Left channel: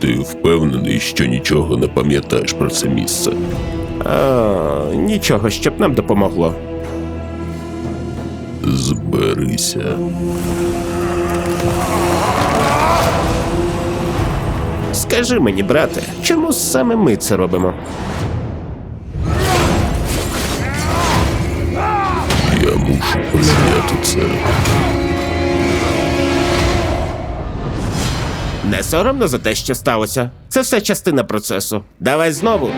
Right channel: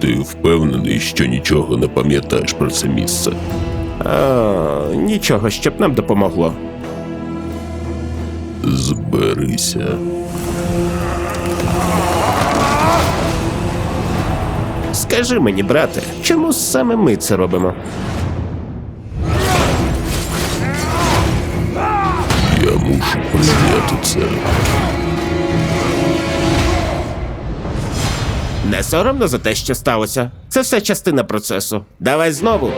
Ти впевнений, що нічого не пам'ятаєш про це місце? А, нічого, щоб нам допомогло. Зберися. Скажи мені, брате, чому саме ми це робимо? Я мушу прийняти це. Не соромно за те, що сталося. Це все частина процесу. Давай знову.